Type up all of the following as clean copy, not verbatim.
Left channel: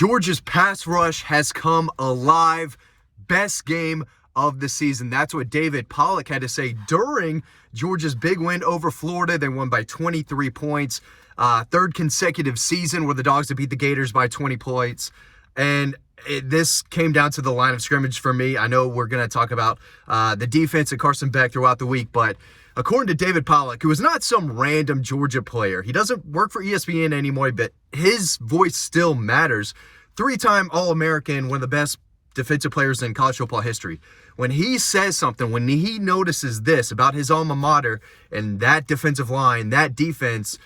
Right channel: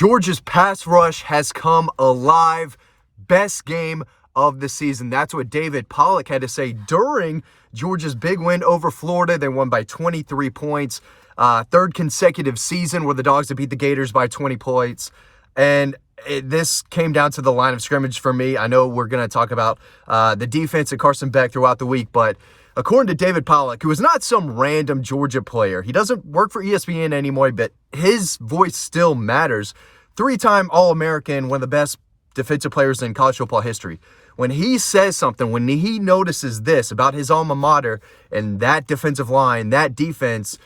Georgia's pass rush has come alive. Best game of the season. That's what David Pollack had to say during Georgia's big win over Florida. They won by 23 points. Third consecutive season where the Dogs have beat the Gators by 20 points. And this came down to the line of scrimmage for me. I know we're going to talk about the defense and Carson Beck throughout the week, but according to David Pollack, who is not some random Georgia player, he doesn't work for ESPN anymore, but his voice still matters. Three-time All-American, one of the best defensive players in college football history. When he says something, when he notices this about his alma mater and that defensive line, that defense,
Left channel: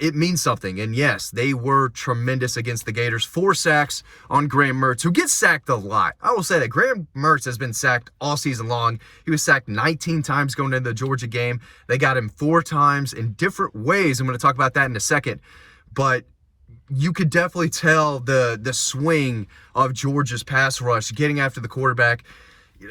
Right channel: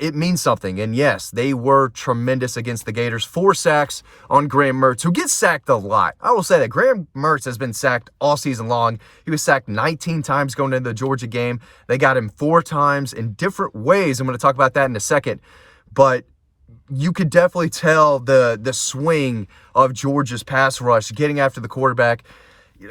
it means something. And yes, they were tremendous against the Gators. 4 sacks on Graham Mertz, who gets sacked a lot. I will say that Graham Mertz has been sacked all season long. He was sacked 19 times going into the Georgia game. They got him 4 times in different ways. I'm going to talk about that in a second. But you could definitely tell the swing of Georgia's pass rush, getting after the quarterback.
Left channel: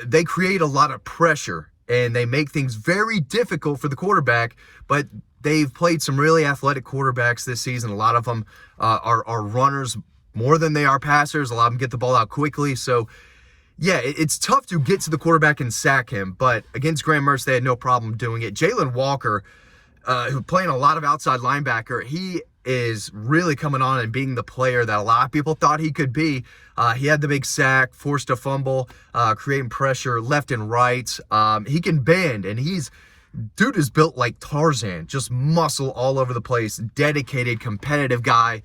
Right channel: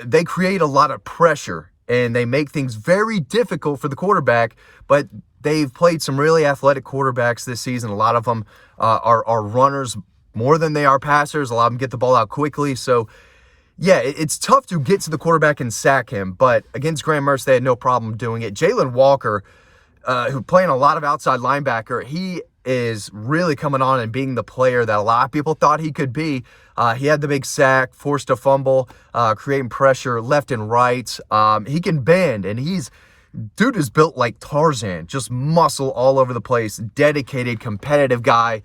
They create a lot of pressure, and they make things very difficult for the quarterback, but they've played some really athletic quarterbacks this season. A lot of them are runners more than they are passers. A lot of them get the ball out quickly. So, yeah, it's tough to get to the quarterback and sack him, but against Graham Mertz, they had no problem doing it. Jalen Walker, who playing a lot of outside linebacker, he is really coming on and being the player that a lot of people thought he could be. He had the big sack, forced a fumble, creating pressure left and right. He can bend, and dude is built like Tarzan, just muscle all over the place, dedicated, competitive guy,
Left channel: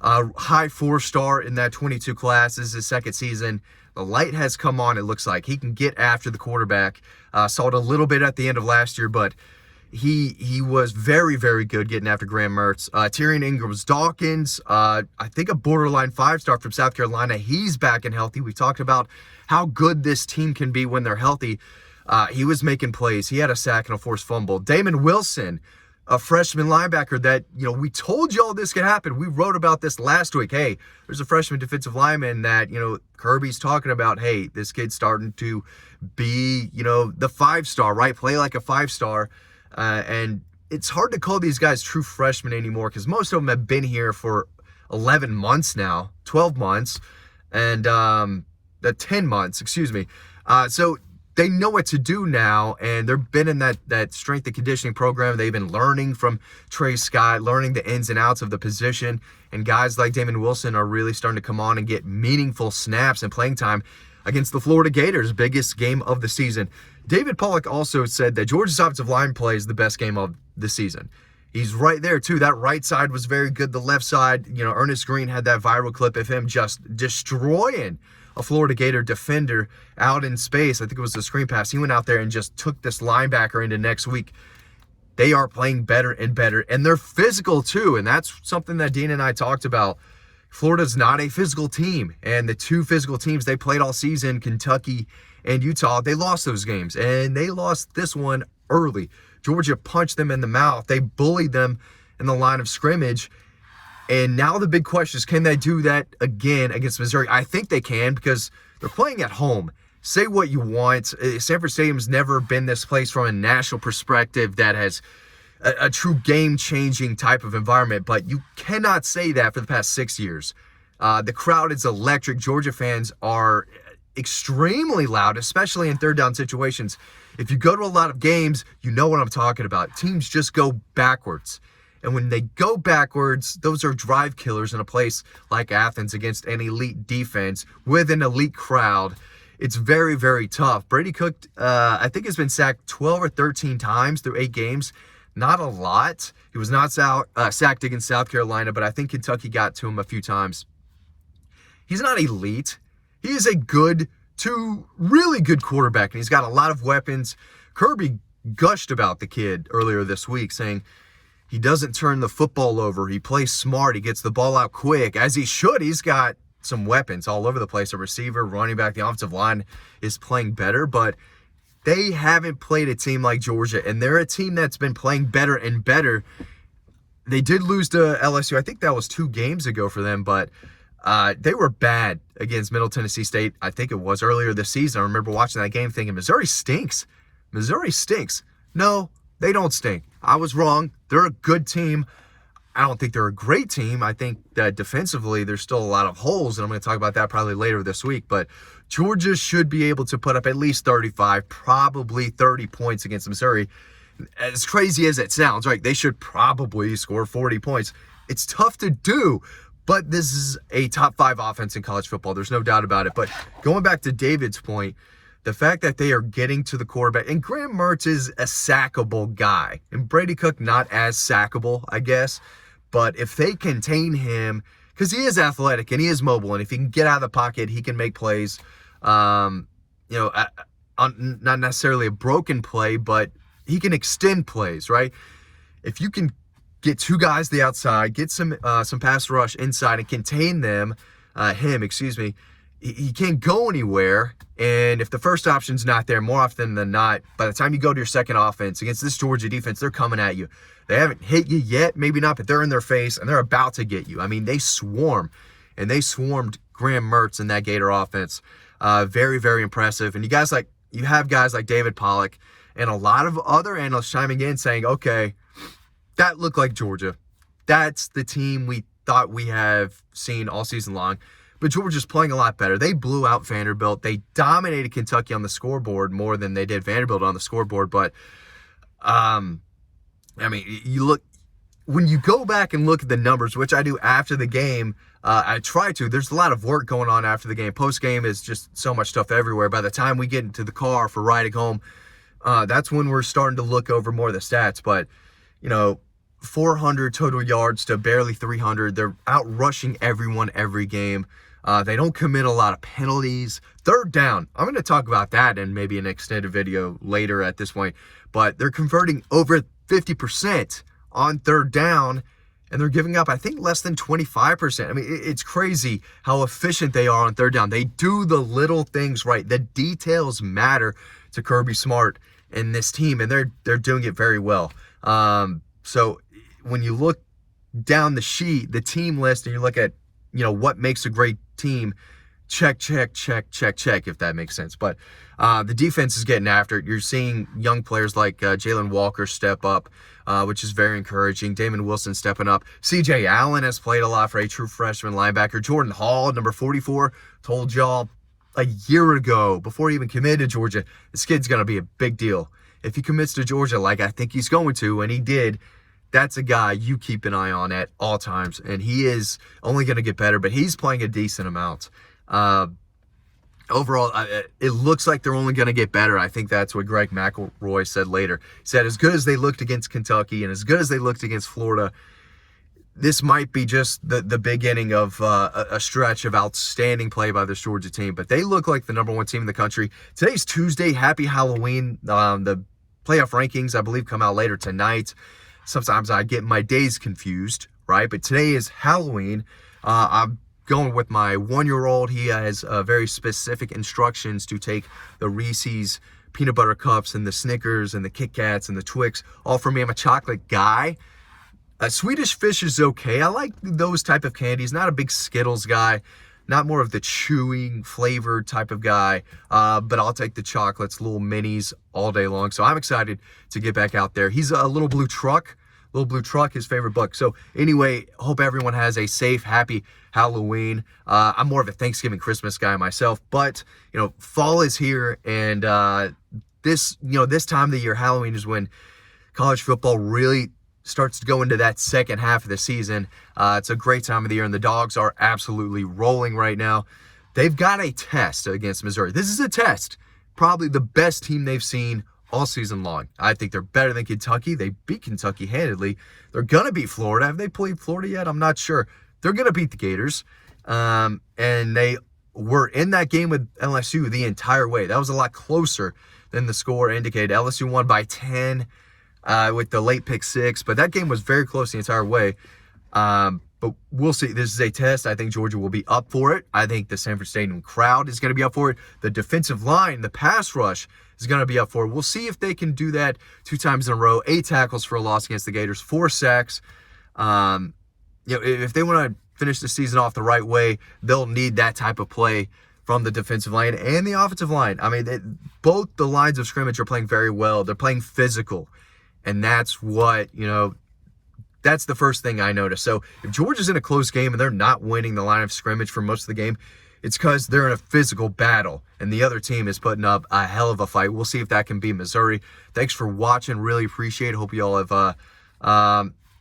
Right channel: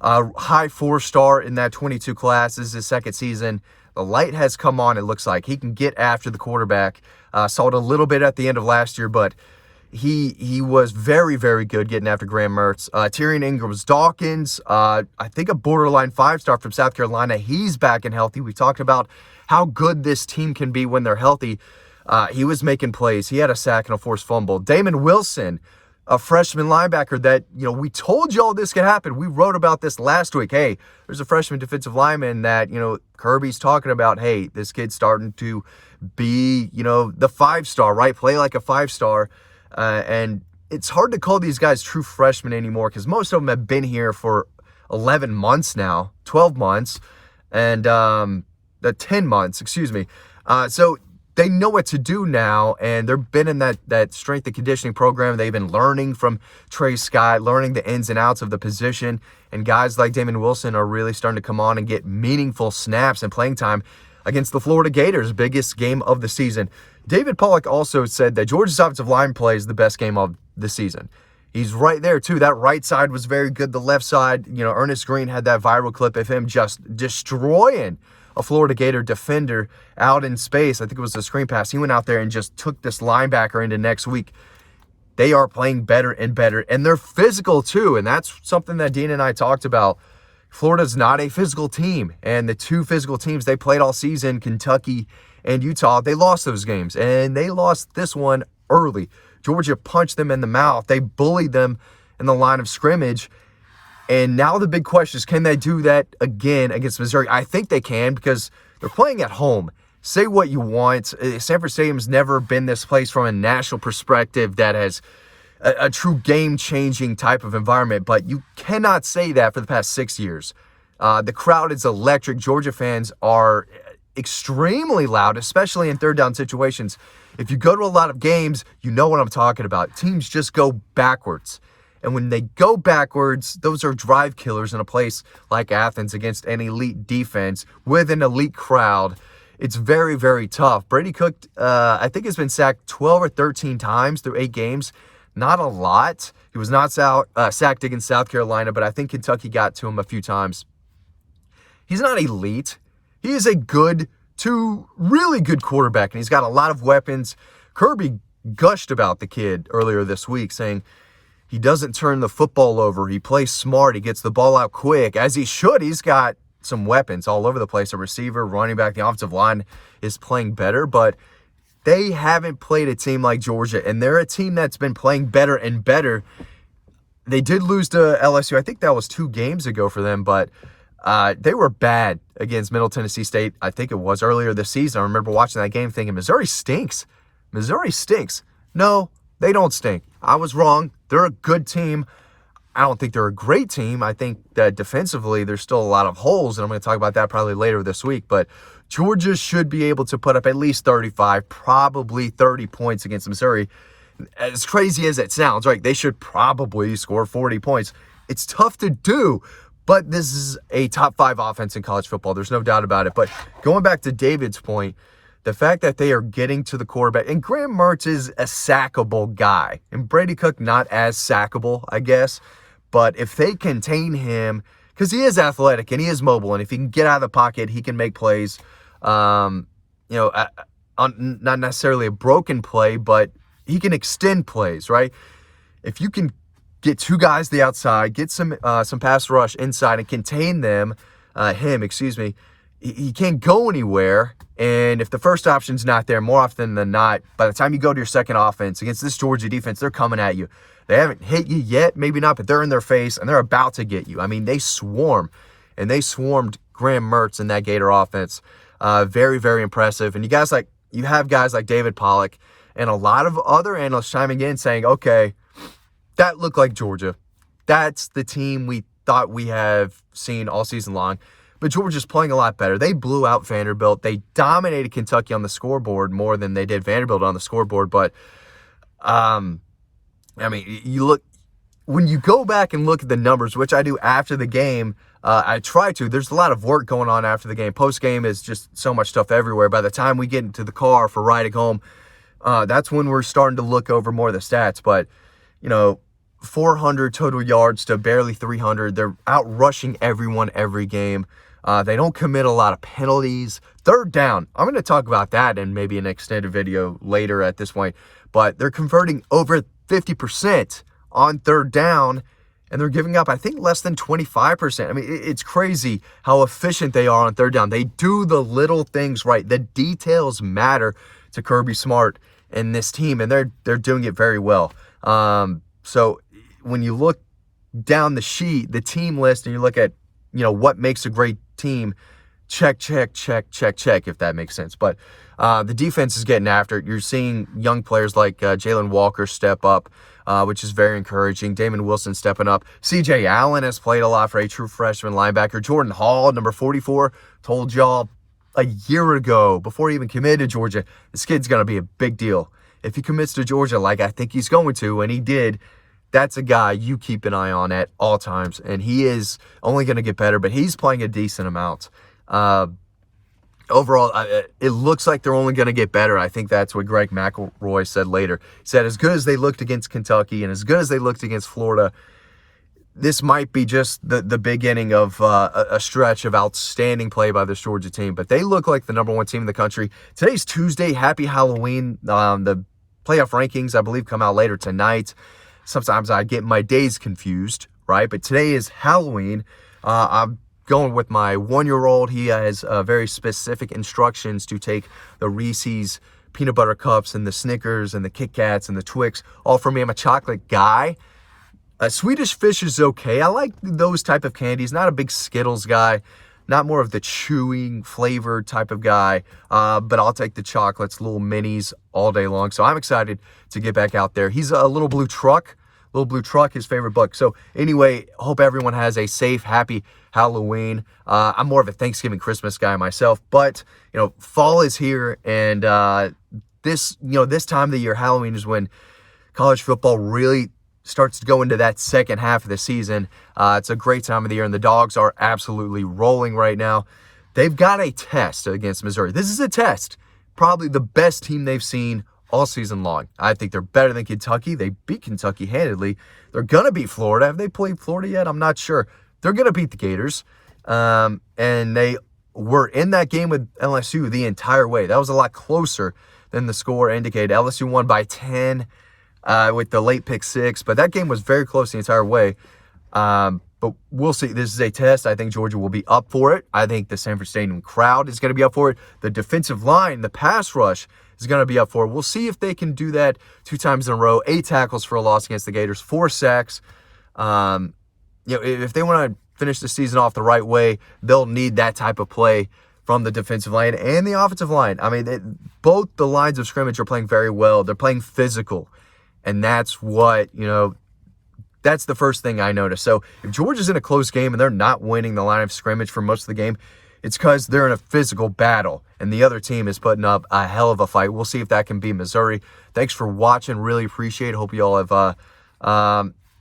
high 4-star in that 22 class. This is his second season. The light has come on, it looks like. He can get after the quarterback. Saw it a little bit at the end of last year, but he was very, very good getting after Graham Mertz. Tyrion Ingram-Dawkins, I think a borderline 5-star from South Carolina. He's back and healthy. We talked about how good this team can be when they're healthy. He was making plays. He had a sack and a forced fumble. Damon Wilson, a freshman linebacker that, we told y'all this could happen. We wrote about this last week. Hey, there's a freshman defensive lineman that, Kirby's talking about. Hey, this kid's starting to be, the 5-star, right? Play like a 5-star. And it's hard to call these guys true freshmen anymore because most of them have been here for 11 months now, 12 months, and 10 months, excuse me. So they know what to do now, and they've been in that strength and conditioning program. They've been learning from Trey Scott, learning the ins and outs of the position, and guys like Damon Wilson are really starting to come on and get meaningful snaps and playing time against the Florida Gators, biggest game of the season. David Pollack also said that Georgia's offensive line play is the best game of the season. He's right there, too. That right side was very good. The left side, Ernest Green had that viral clip of him just destroying a Florida Gator defender out in space. I think it was a screen pass. He went out there and just took this linebacker into next week. They are playing better and better, and they're physical, too, and that's something that Dean and I talked about. Florida's not a physical team, and the 2 physical teams they played all season, Kentucky and Utah, they lost those games, and they lost this one early. Georgia punched them in the mouth. They bullied them in the line of scrimmage, and now the big question is, can they do that again against Missouri? I think they can because they're playing at home. Say what you want. Sanford Stadium's never been this place from a national perspective that has a true game-changing type of environment, but you cannot say that for the past 6 years. The crowd is electric. Georgia fans are extremely loud, especially in third down situations. If you go to a lot of games, you know what I'm talking about. Teams just go backwards. And when they go backwards, those are drive killers in a place like Athens against an elite defense with an elite crowd. It's very, very tough. Brady Cook, I think, has been sacked 12 or 13 times through 8 games. Not a lot. He was not sacked against South Carolina, but I think Kentucky got to him a few times. He's not elite. He is a good to really good quarterback, and he's got a lot of weapons. Kirby gushed about the kid earlier this week, saying he doesn't turn the football over. He plays smart. He gets the ball out quick, as he should. He's got some weapons all over the place. A receiver, running back, the offensive line is playing better, but they haven't played a team like Georgia, and they're a team that's been playing better and better. They did lose to LSU. I think that was 2 games ago for them, but they were bad against Middle Tennessee State. I think it was earlier this season. I remember watching that game thinking, Missouri stinks. Missouri stinks. No, they don't stink. I was wrong. They're a good team. I don't think they're a great team. I think that defensively there's still a lot of holes, and I'm going to talk about that probably later this week. But Georgia should be able to put up at least 35, probably 30 points against Missouri. As crazy as it sounds, right? They should probably score 40 points. It's tough to do, but this is a top 5 offense in college football. There's no doubt about it. But going back to David's point, the fact that they are getting to the quarterback, and Graham Mertz is a sackable guy, and Brady Cook not as sackable, I guess. But if they contain him, because he is athletic and he is mobile, and if he can get out of the pocket, he can make plays. On not necessarily a broken play, but he can extend plays, right? If you can get 2 guys to the outside, get some pass rush inside, and contain he can't go anywhere. And if the first option's not there, more often than not, by the time you go to your second offense against this Georgia defense, they're coming at you. They haven't hit you yet, maybe not, but they're in their face, and they're about to get you. I mean, they swarm, and they swarmed Graham Mertz in that Gator offense. Very, very impressive. And you have guys like David Pollack and a lot of other analysts chiming in saying, okay, that looked like Georgia. That's the team we thought we have seen all season long. But Georgia's playing a lot better. They blew out Vanderbilt. They dominated Kentucky on the scoreboard more than they did Vanderbilt on the scoreboard. But, when you go back and look at the numbers, which I do after the game, I try to. There's a lot of work going on after the game. Post-game is just so much stuff everywhere. By the time we get into the car for riding home, that's when we're starting to look over more of the stats. But, 400 total yards to barely 300. They're out rushing everyone every game. They don't commit a lot of penalties. Third down, I'm going to talk about that in maybe an extended video later at this point. But they're converting over 50% on third down, and they're giving up, I think, less than 25%. I mean, it's crazy how efficient they are on third down. They do the little things right. The details matter to Kirby Smart and this team, and they're doing it very well. So when you look down the sheet, the team list, and you look at, what makes a great team, check, if that makes sense. But the defense is getting after it. You're seeing young players like Jalen Walker step up, which is very encouraging. Damon Wilson stepping up. C.J. Allen has played a lot for a true freshman linebacker. Jordan Hall, number 44, told y'all a year ago, before he even committed to Georgia, this kid's going to be a big deal. If he commits to Georgia like I think he's going to, and he did, that's a guy you keep an eye on at all times. And he is only going to get better, but he's playing a decent amount. Overall, it looks like they're only going to get better. I think that's what Greg McElroy said later. He said, as good as they looked against Kentucky and as good as they looked against Florida, this might be just the beginning of a stretch of outstanding play by this Georgia team. But they look like the number 1 team in the country. Today's Tuesday. Happy Halloween. The playoff rankings, I believe, come out later tonight. Sometimes I get my days confused, right? But today is Halloween. I'm going with my 1-year-old. He has very specific instructions to take the Reese's peanut butter cups and the Snickers and the Kit Kats and the Twix, all for me. I'm a chocolate guy. Swedish Fish is okay. I like those type of candies. Not a big Skittles guy. Not more of the chewing flavored type of guy. But I'll take the chocolates, little minis all day long. So I'm excited to get back out there. He's a little blue truck. His favorite book. So anyway, hope everyone has a safe, happy Halloween. I'm more of a Thanksgiving, Christmas guy myself, but fall is here, and this time of the year, Halloween, is when college football really starts to go into that second half of the season. It's a great time of the year, and the Dogs are absolutely rolling right now. They've got a test against Missouri. This is a test. Probably the best team they've seen all season long. I think they're better than Kentucky. They beat Kentucky handedly. They're going to beat Florida. Have they played Florida yet? I'm not sure. They're going to beat the Gators. And they were in that game with LSU the entire way. That was a lot closer than the score indicated. LSU won by 10 with the late pick 6. But that game was very close the entire way. But we'll see. This is a test. I think Georgia will be up for it. I think the Sanford Stadium crowd is going to be up for it. The defensive line, the pass rush, is going to be up for it. We'll see if they can do that 2 times in a row. 8 tackles for a loss against the Gators, 4 sacks. If they want to finish the season off the right way, they'll need that type of play from the defensive line and the offensive line. I mean, both the lines of scrimmage are playing very well. They're playing physical, and that's what, That's the first thing I noticed. So if Georgia's in a close game and they're not winning the line of scrimmage for most of the game, it's because they're in a physical battle and the other team is putting up a hell of a fight. We'll see if that can be Missouri. Thanks for watching. Really appreciate it. Hope you all have,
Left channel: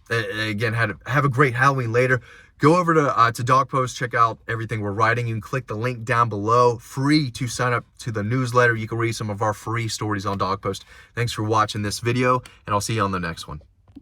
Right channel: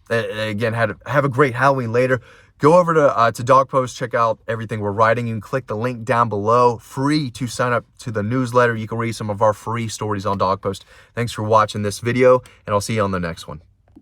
again, have a great Halloween later. Go over to Dog Post, check out everything we're writing. You can click the link down below, free to sign up to the newsletter. You can read some of our free stories on Dog Post. Thanks for watching this video, and I'll see you on the next one.